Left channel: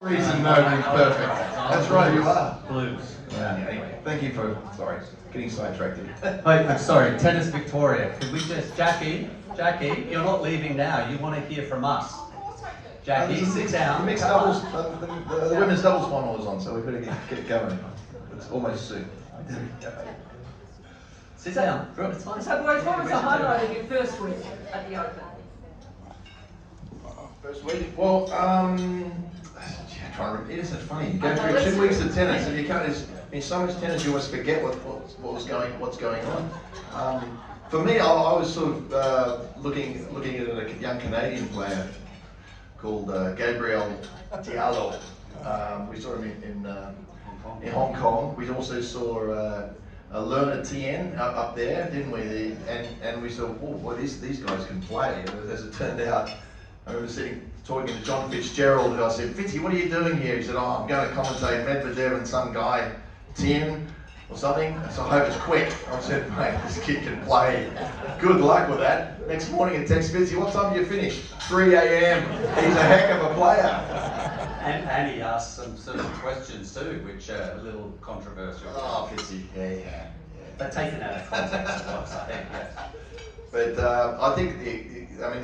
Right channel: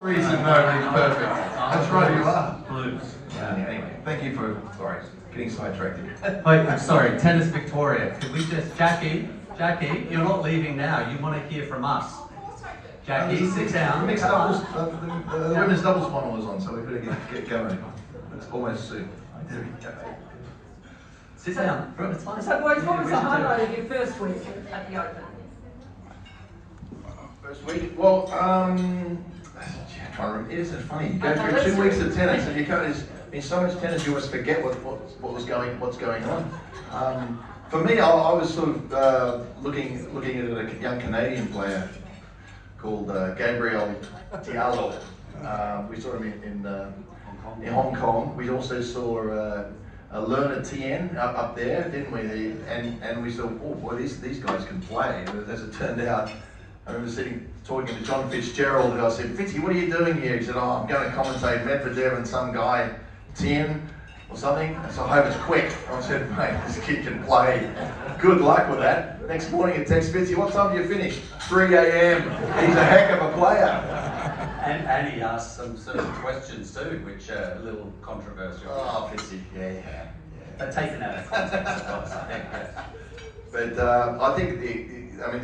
Reason nobody's perfect. That's right, you are. Blues. Yeah, anyway, thank you for, sorry, getting sidetracked here. Wait, I'm sorry, Tennis Victoria. Could we just, Jackie, you're not leaving now. You want to hear from us. Jackie, sit down. Mixed doubles, the women's doubles final was on, so we better get going. It's almost soon. Sit down. It's fine. So, boys, what was the highlight of your first week at the Open? First week? Well, trying to remember. Isn't it funny? You go through 2 weeks of tennis and you can't, there's been so much tennis you almost forget what's going on. For me, I was sort of looking at a young Canadian player called Gabriel Diallo. We saw him in Hong Kong. We also saw Lerner Tien up there, didn't we? And we thought, oh, boy, these guys can play. And as it turned out, I remember talking to John Fitzgerald, and I said, Fitzy, what are you doing here? He said, oh, I'm going to commentate Medvedev and some guy, Tien or something. So I hope it's quick. I said, mate, this kid can play. Good luck with that. Next morning, he texts Fitzy, what time do you finish? 3 a.m. He's a heck of a player. And he asked some certain questions too, which are a little controversial. Oh, Fitzy, yeah. But taken out of context, I think, yeah. But I think,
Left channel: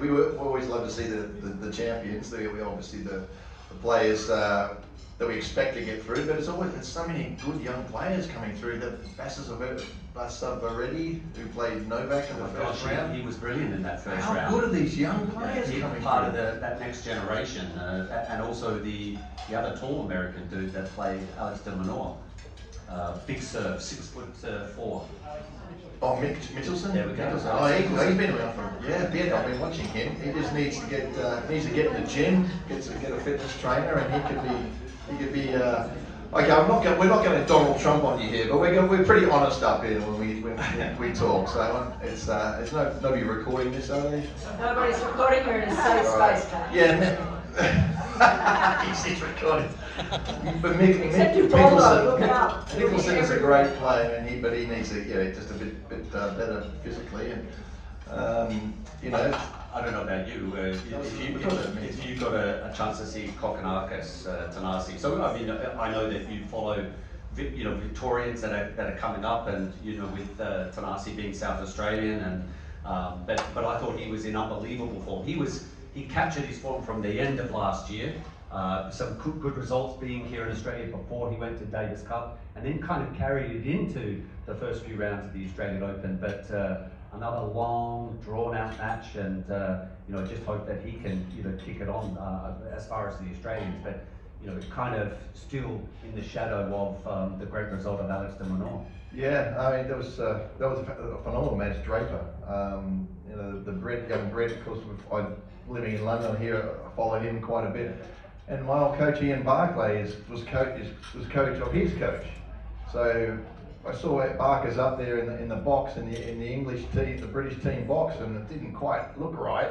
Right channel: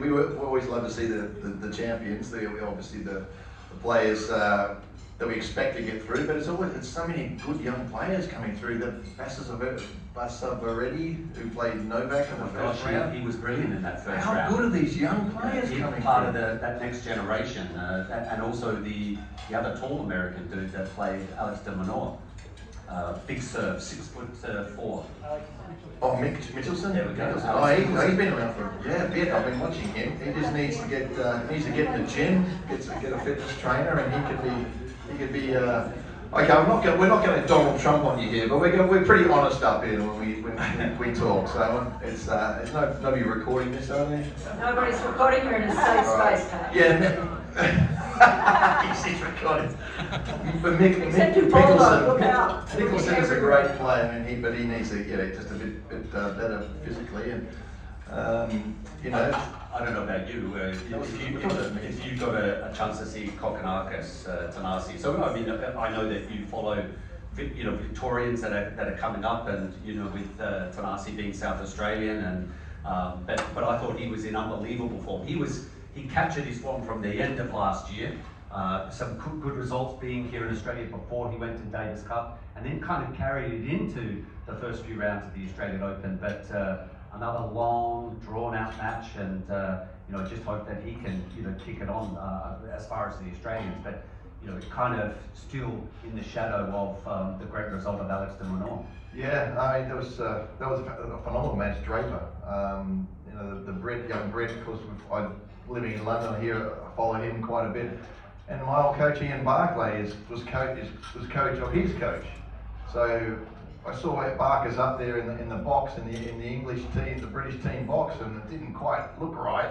we always love to see the champions, obviously the players that we expect to get through, but it's so many good young players coming through. That Basavaredi, who played Novak in the first round. He was brilliant in that first How round. good are these young players He's coming part through? of that next generation, and also the other tall American dude that played Alex de Minaur. Big serve, 6'4". Oh, Mickelson? There we go. Oh, he's been around for a bit. I've been watching him. He just needs to get in the gym, get a fitness trainer, and he could be. Okay, we're not going to Donald Trump on you here, but we're pretty honest up here when we talk. So it's nobody recording this, are they? Nobody's recording her in a safe space, Pat. Yeah. He's recording. But Except you told her, look out. Mickelson is a great player, and he needs to just a bit better physically, and I don't know about you. If you got a chance to see Kokkinakis, Tanasi, so I mean, I know that you follow, Victorians that are coming up, and with Tanasi being South Australian, and but I thought he was in unbelievable form. He captured his form from the end of last year. Some good results being here in Australia before he went to Davis Cup, and then kind of carried it into the first few rounds of the Australian Open. But another long, drawn-out match, and just hope that he can kick it on as far as the Australians. But kind of still in the shadow of the great result of Alex de Minaur. Yeah, I mean that was a phenomenal match. Draper, the young Brit, of course, living in London here, I follow him quite a bit. And my old coach Ian Barclay was coach of his coach. So I saw Barker's up there in the box in the English team, the British team box, and it didn't quite look right.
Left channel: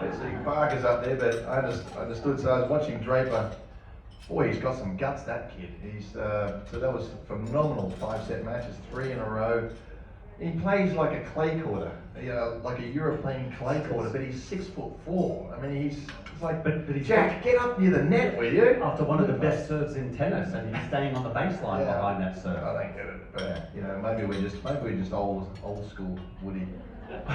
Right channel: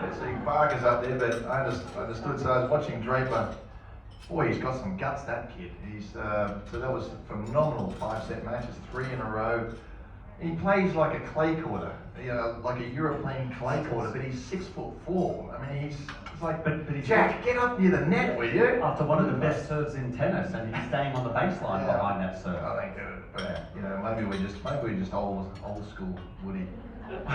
So Barker's up there, but I understood. So I was watching Draper. Boy, he's got some guts, that kid. So that was phenomenal 5-set matches, 3 in a row. He plays like a clay courter, like a European clay courter, but he's 6'4". I mean, he's like, but he's Jack, get up near the net, will you? After one of the best serves in tennis, and he's staying on the baseline behind that serve. I don't get it, but maybe we're just old school, Woody.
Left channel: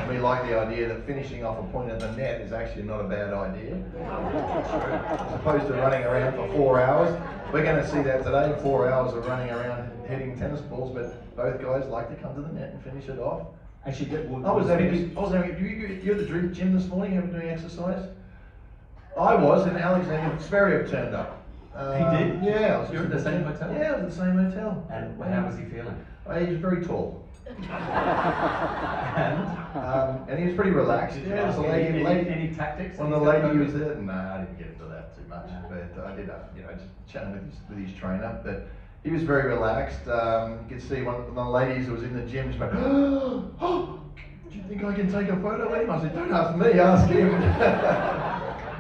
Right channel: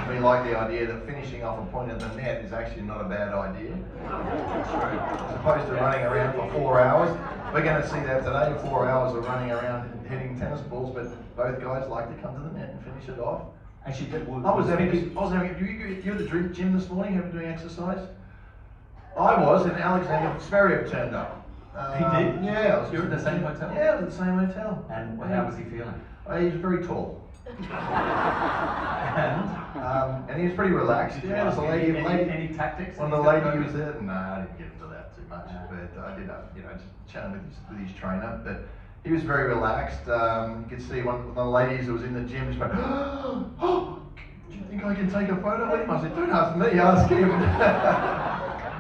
We like the idea that finishing off a point at the net is actually not a bad idea. As opposed to running around for 4 hours. We're going to see that today, 4 hours of running around hitting tennis balls, but both guys like to come to the net and finish it off. Actually, you're at the gym this morning, you were doing exercise? I was, and Alexander Zverev turned up. He did? Yeah. You were at the same hotel? Yeah, at the same hotel. And how was he feeling? He was very tall. And he was pretty relaxed. Yeah, was any tactics? When the lady was there, no, I didn't get into that too much. But I did, just chatting with his trainer. But he was very relaxed. You could see one of the ladies who was in the gym just went, "Oh, do you think I can take a photo with him?" I said, "Don't ask me, ask him."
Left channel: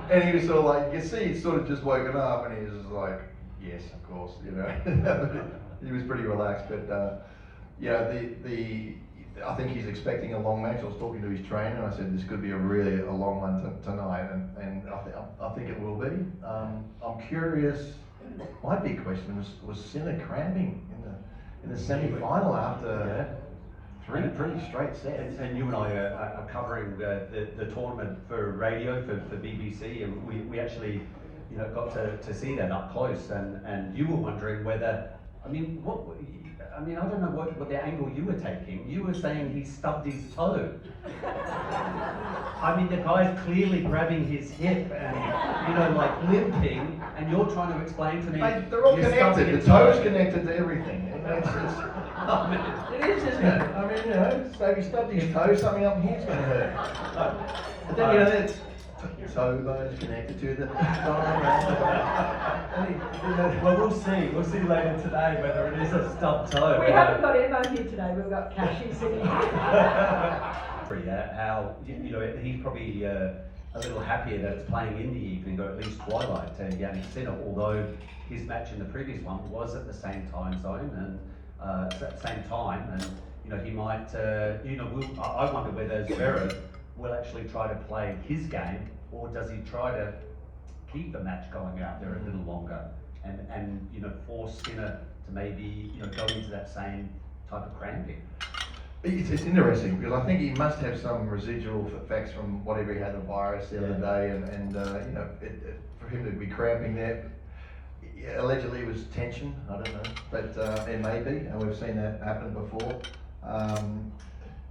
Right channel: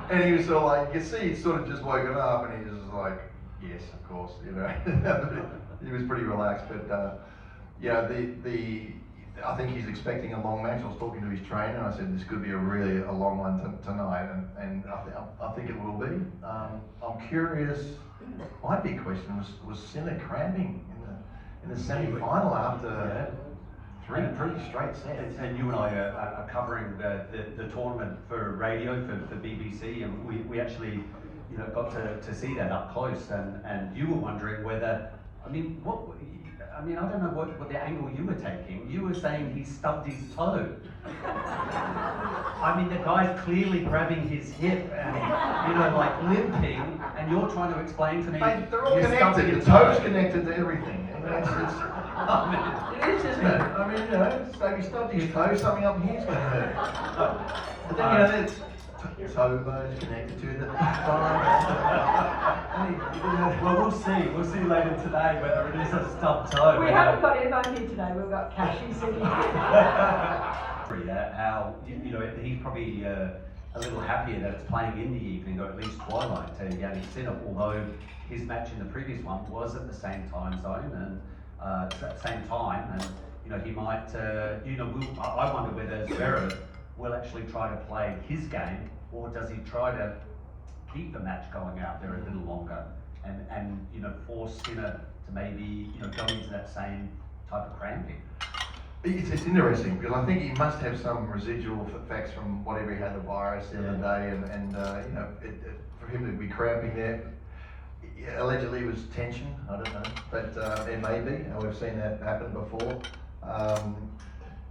And he was sort of like, you could see he'd sort of just woken up, and he was just like, "Yes, of course," He was pretty relaxed, but. I think he's expecting a long match. I was talking to his trainer and I said this could be a long one tonight, and I think it will be. I'm curious. My big question was Sinner cramping in the semi-final after three straight sets. And you and I are covering the tournament for radio for BBC, and we actually got to see that up close, and you were wondering whether, I don't know what the angle you were taking. You were saying he stubbed his toe. The guy's clearly grabbing his hip and, like limping, and you're trying to explain to me. Mate, they're all connected. The toe's connected to everything. It is, isn't it? So if he stubbed his toe, something up here's going to hurt. But then, that's toe bone's connected to the Well, we'll see. We'll see later today whether it is a stubbed toe. We haven't got Emma here today, we've got Cashy sitting here. How he's probably a little happier that it's playing in the evening, or at least twilight, to Yannick Sinner, although his match in the previous one was at the same time zone and same time, and he might I wonder whether Zverev will actually try to play his game, or does he try to keep the match going out there a little longer and force Sinner to maybe go into that same type of cramping. It's interesting because I think he must have some residual effects from whatever he had the virus the other day, and for him to be cramping there, allegedly it was tension. I don't know, but it may be, and we've seen that happen before.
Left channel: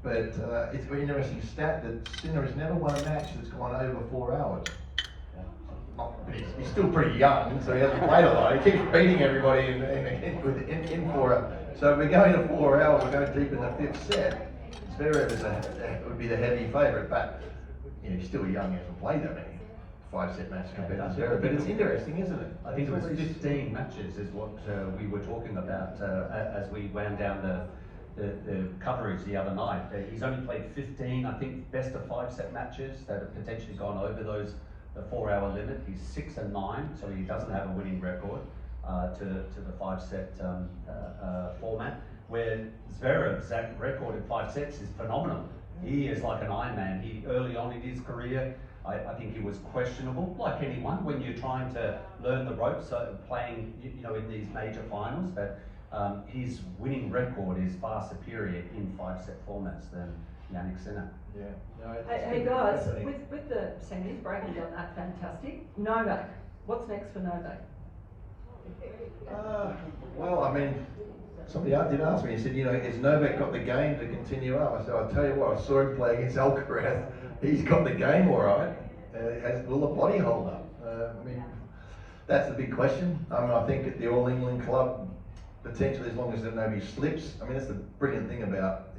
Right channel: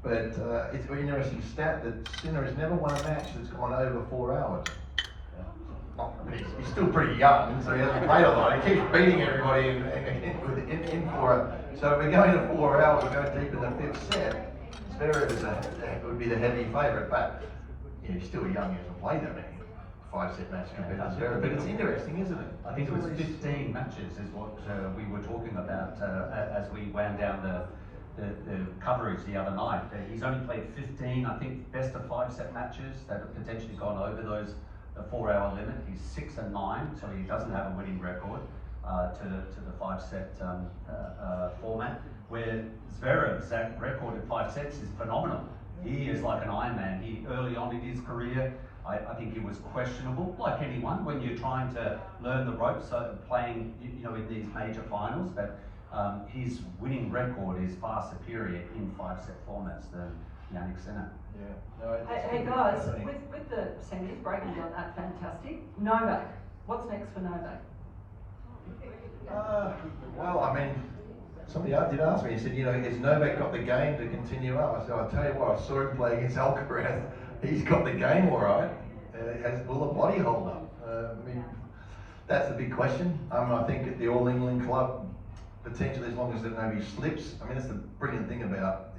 But it's an interesting stat that Sinner has never won a match that's gone over 4 hours. He's still pretty young, so he hasn't played a lot. He keeps beating everybody in 4 hours. So if we're going to 4 hours, we're going deep in the fifth set. Zverev would be the heavy favourite, but he's still young. He hasn't played that many 5-set matches compared to Zverev. But it's interesting, isn't it? I think it was 15 matches is what we were talking about as we wound down the coverage the other night. He's only played 15, I think, best of 5-set matches that have potentially gone over the 4-hour limit. He's 6-9, so he doesn't have a winning record to the 5-set format. Where Zverev's record in 5 sets is phenomenal. He is like an Iron Man. Early on in his career, I think he was questionable, like anyone, when you're trying to learn the ropes, playing in these major finals. But his winning record is far superior in 5-set formats than Yannick Sinner. Yeah. No, Hey guys, with the semis breaking down that, fantastic. Novak, what's next for Novak? Somebody did ask me. He said, has Novak got the game to continue up? I said, I'll tell you what, I saw him play against Alcaraz. He's got the game all right. Will the body hold up? That's the big question. I think at the All England Club, potentially as long as nobody slips. That's the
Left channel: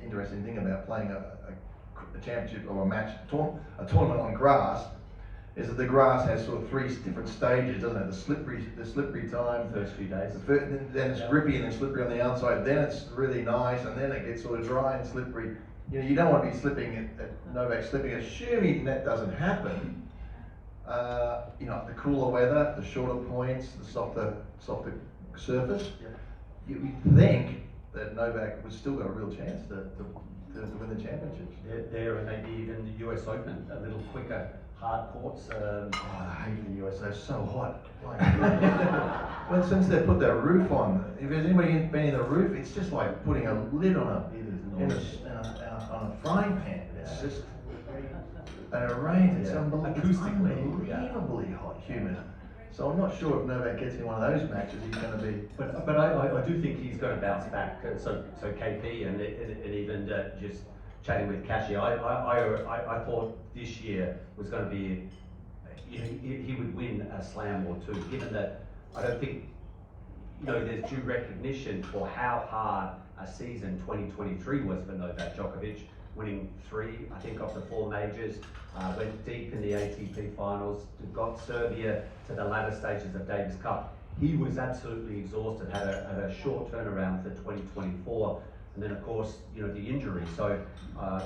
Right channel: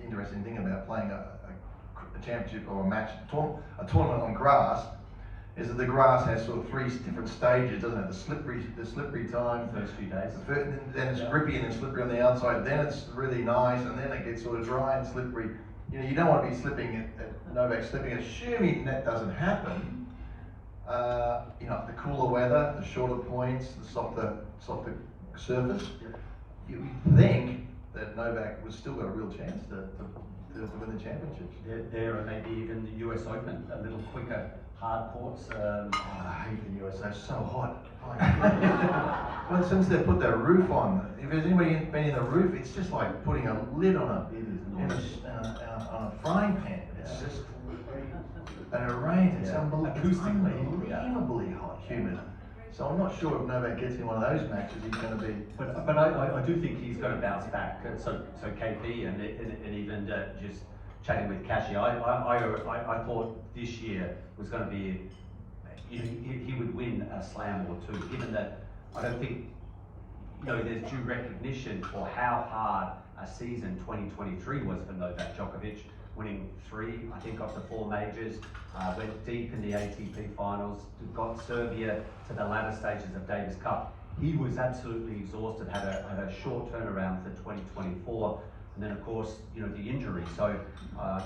interesting thing about playing a championship or a match, a tournament on grass, is that the grass has sort of 3 different stages, doesn't it? The slippery time, First few days. Then it's grippy and then slippery on the outside. Then it's really nice, and then it gets sort of dry and slippery. You don't want to be slipping at Novak slipping. Assuming that doesn't happen, the cooler weather, the shorter points, the softer surface. You would think that Novak was still got a real chance to win the championships. There and maybe even the US Open, a little quicker hard courts. I hate the US, they're so hot. Well, since they put that roof on, if there's anybody been in the roof, it's just like putting a lid on a frying pan. It's just, and it rains, it's unbelievably hot, humid. So I'm not sure if Novak gets in one of those matches, he's going to be. But I do think he's going to bounce back. So KP and even just chatting with Cashy, I thought this year was going to be, he would win a slam or two, given that I don't think there's due recognition for how hard a season 2023 was for Novak Djokovic, winning 3, I think, of the 4 majors, went deep in the ATP finals, got Serbia to the latter stages of Davis Cup. He was absolutely exhausted, had a short turnaround for 2024, and then of course, the injury. So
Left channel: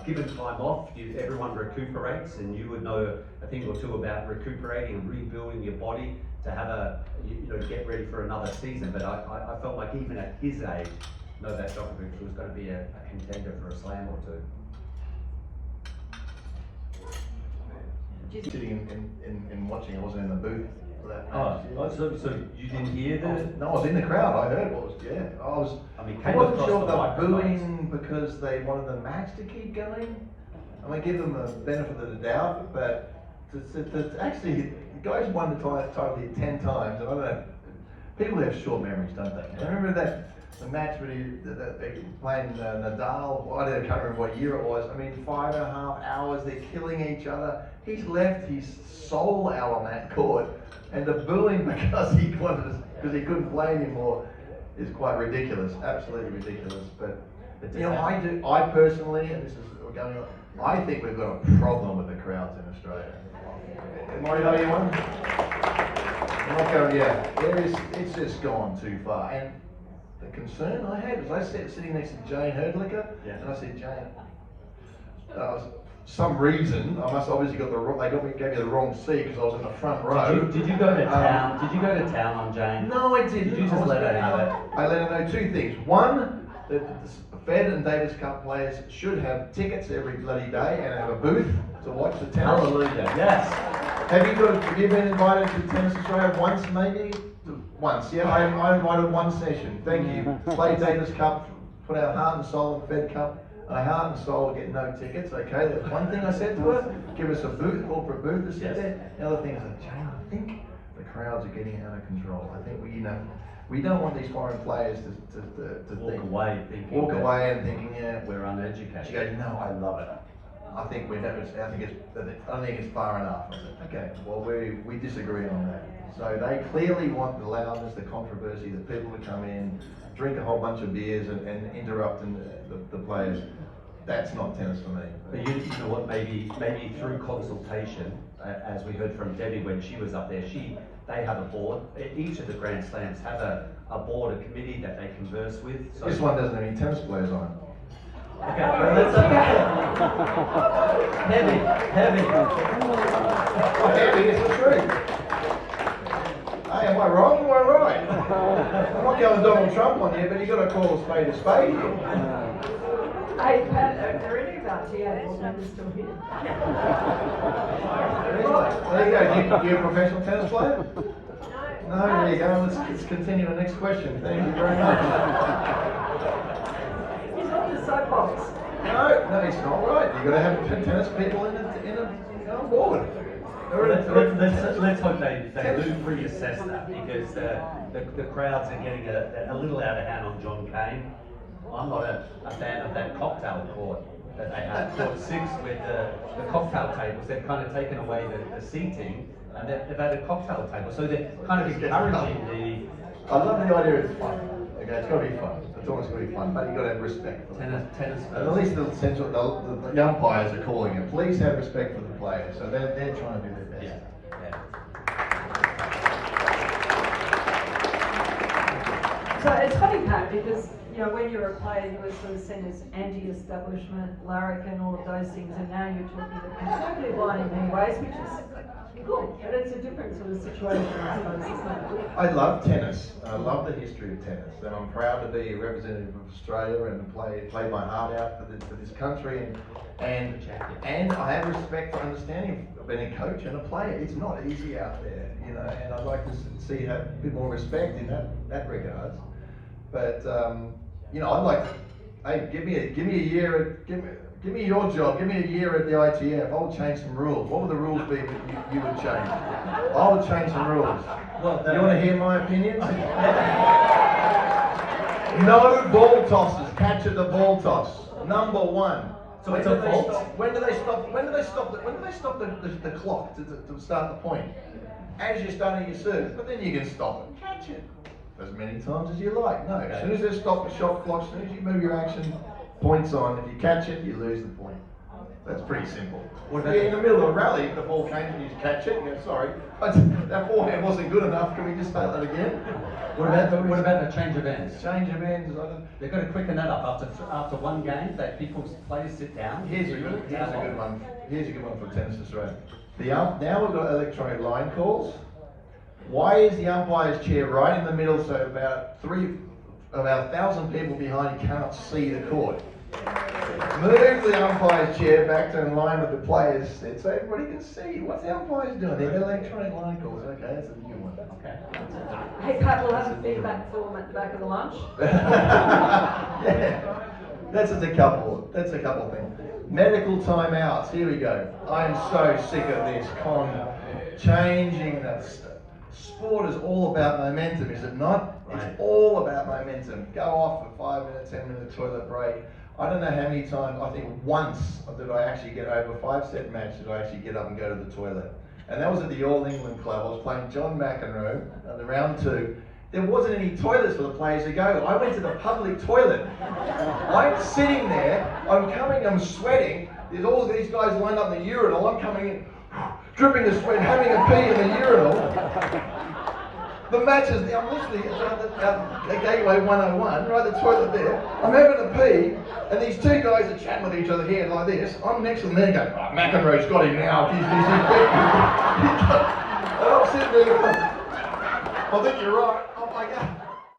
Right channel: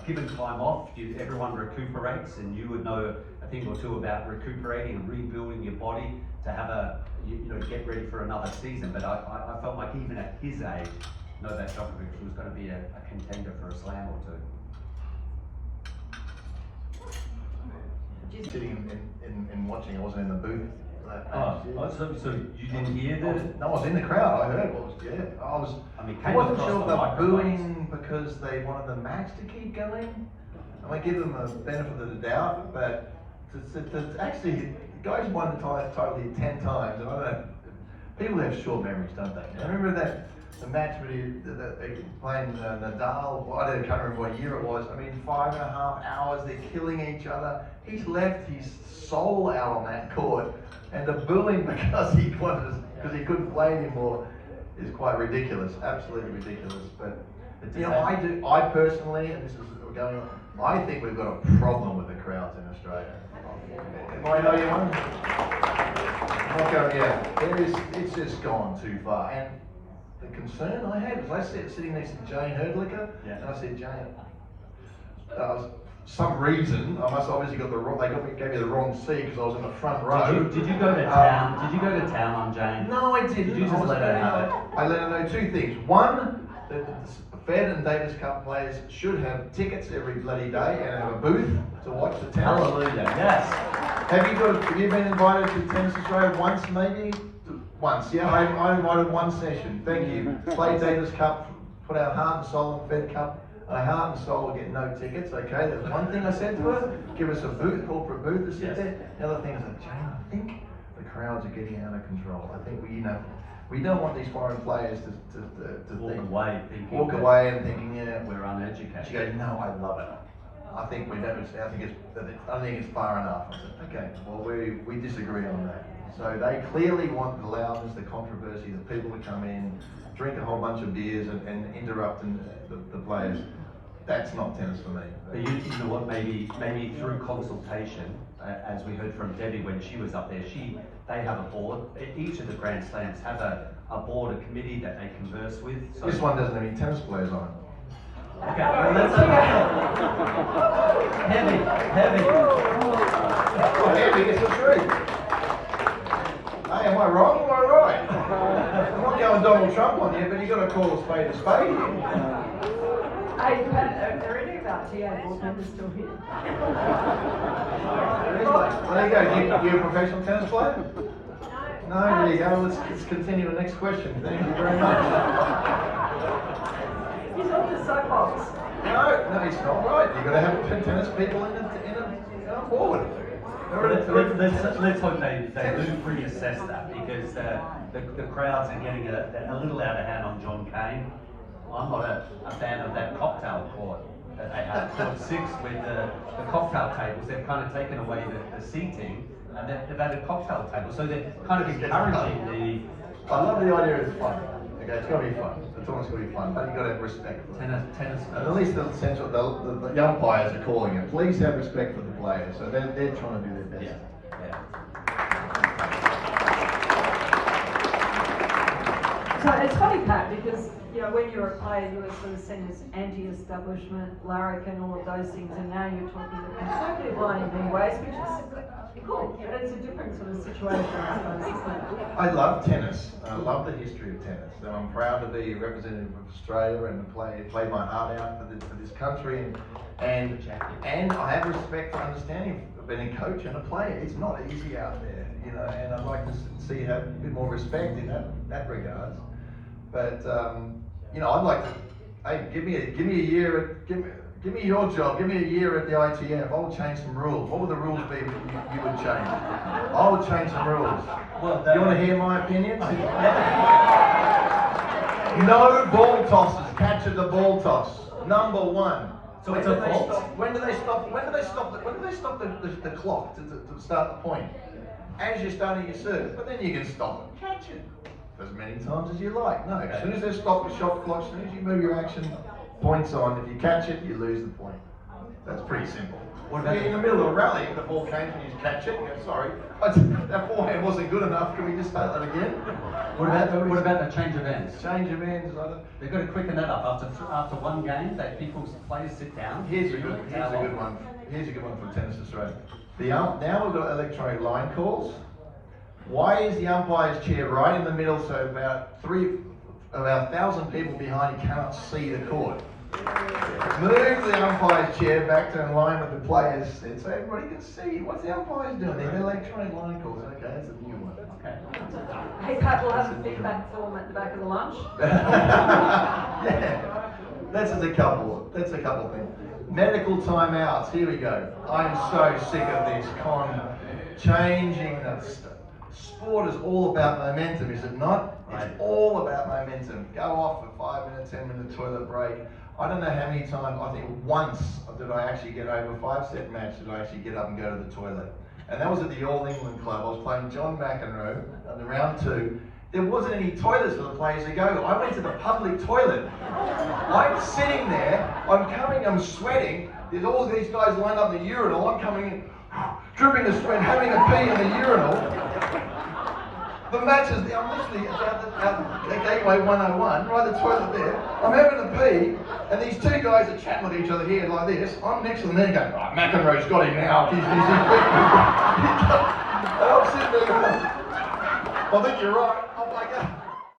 given time off, everyone recuperates, and you would know a thing or two about recuperating and rebuilding your body to have to get ready for another season. But I felt like even at his age, Novak Djokovic was going to be a contender for a slam or two. Sitting and watching, I wasn't in the booth for that match. So you didn't hear the? No, I was in the crowd. I heard what was. Yeah, I wasn't sure if they were booing because they wanted the match to keep going. I might give them a benefit of the doubt, but to actually, the guys won the title here 10 times, and I don't know. People have short memories, don't they? I remember the match where they were playing Nadal. I can't remember what year it was. I mean, 5.5 hours. They're killing each other. He's left his soul out on that court, and the booing because he couldn't play anymore is quite ridiculous. Absolutely ridiculous. But I personally, and this is going on, I think we've got a problem with the crowds in Australia. Am I the only one? I'm not going. It's just gone too far. And the concern I had was I sitting next to Jane Herdlicker, and I said, Jane, some reason I must obviously gave me the wrong seat because I was in the front row. Did you go to town? Did you go to town on Jane? No, I didn't. Did you just let her know it? I let her know two things. One, the Fed and Davis Cup players should have tickets every bloody day and have a booth to watch the tennis. Hallelujah! Yes. Have you been invited to Tennis Australia once, maybe? Once, yeah. I invited one session. Thank you. Play Davis Cup, put our heart and soul in Fed Cup. And heart and soul will get no tickets. Okay, that's one thing I said to her. Give us a booth, corporate booth to sit there. The other thing is like, Jane, I think the crowds are getting out of control. I think we don't want these foreign players to walk away and thinking, yeah, we're uneducated. She goes, no, I love it. I think it's far enough. I said, okay, well we disagree on that. So they clearly want the loudness, the controversy, the people to come in, drink a whole bunch of beers and interrupt the players. That's not tennis for me. But you know what? Maybe through consultation, as we heard from Debbie when she was up there, they have a board. Each of the Grand Slams have a board, a committee that they converse with. So this one doesn't have any tennis players on it. Okay, well, let's heavy. Heavy is the truth. Hey, am I wrong? Am I right? I'm not going Donald Trump on you, but you got to call a spade here. Hey, Pat, are any of our TA board members still here? There you go. You a professional tennis player? No, there you go. Let's continue the next question. Thank you very much. He's on the soapbox. No, it's not right. You've got to have tennis people in a board. Let's hope they reassess that because the crowds are getting a little out of hand on John Cain. I'm not a fan of that cocktail court that they have, court 6, with the cocktail tables. They've kind of taken away the seating and they've added cocktail tables. So they're kind of encouraging the... I love the idea it's fun. Okay, it's got to be fun. It's always got to be fun, but you've got to have respect for tennis. And at least the umpires are calling it. Please have respect for the players. So they're trying to do their best. Yeah. So it's funny, Pat, because when you were a player, you were sort of seen as anti-establishment, larrikin, all of those things, and now you're talking the conservative line in many ways, which is cool. But it's a different sort of situation, I suppose, isn't it? I love tennis. I love the history of tennis, and I'm proud to be a representative of Australia and play my heart out for this country. And I have respect for understanding being a coach and a player. It's not easy out there, and I'd like to see you have a bit more respect in that regards. But I'd like to. Hey, give me a year. Give me your job. Give me a year at the ITF. I'll change some rules. What would the rules be that you would change? I would change some rules. Well, you want to hear my opinions? No ball tosses. Catch at the ball toss. Number 1. So it's a fault. When do they stop the clock to start the point? As you're starting your service, but then you can stop and catch it as many times as you like. No, as soon as they stop the shot clock, as soon as you move your action, points on. If you catch it, you lose the point. That's pretty simple. What about in the middle of a rally, the ball came and you just catch it, and you go, sorry, that forehand wasn't good enough, can we just start that again? What about the change of ends? Change of ends, they've got to quicken that up after one game, that players sit down. Here's a good one. Here's a good one for Tennis Australia. Now we've got electronic line calls. Why is the umpire's chair right in the middle, so about of our 1,000 people behind you cannot see the court. Move the umpire's chair back to in line with the players so everybody can see. What's the umpires doing? They're electronic line calls. Okay, that's a new one. Okay. Hey Pat, we'll have a feedback form at the back of the lunch. Yeah. That's a couple things. Medical timeouts. Here we go. I'm so sick of this changing the sport is all about momentum, is it not? Right. It's all about momentum. Go off for 5 minutes, 10-minute toilet break. I don't know how many times, I think once did I actually get over a 5-set match, did I actually get up and go to the toilet. And that was at the All England Club. I was playing John McEnroe on the round 2. There wasn't any toilets for the players to go. I went to the public toilet. I'm sitting there, I'm sweating. There's all these guys lined up in the urinal. I'm coming in, dripping the sweat, having a pee in the urinal. The match is, I'm literally at the Gateway 101, right at the toilet there. I'm having a pee, and these two guys are chatting with each other here like this. I'm next to them there going, right, McEnroe's got him now. He's and I'm sitting there going, I think you're right. Oh my God.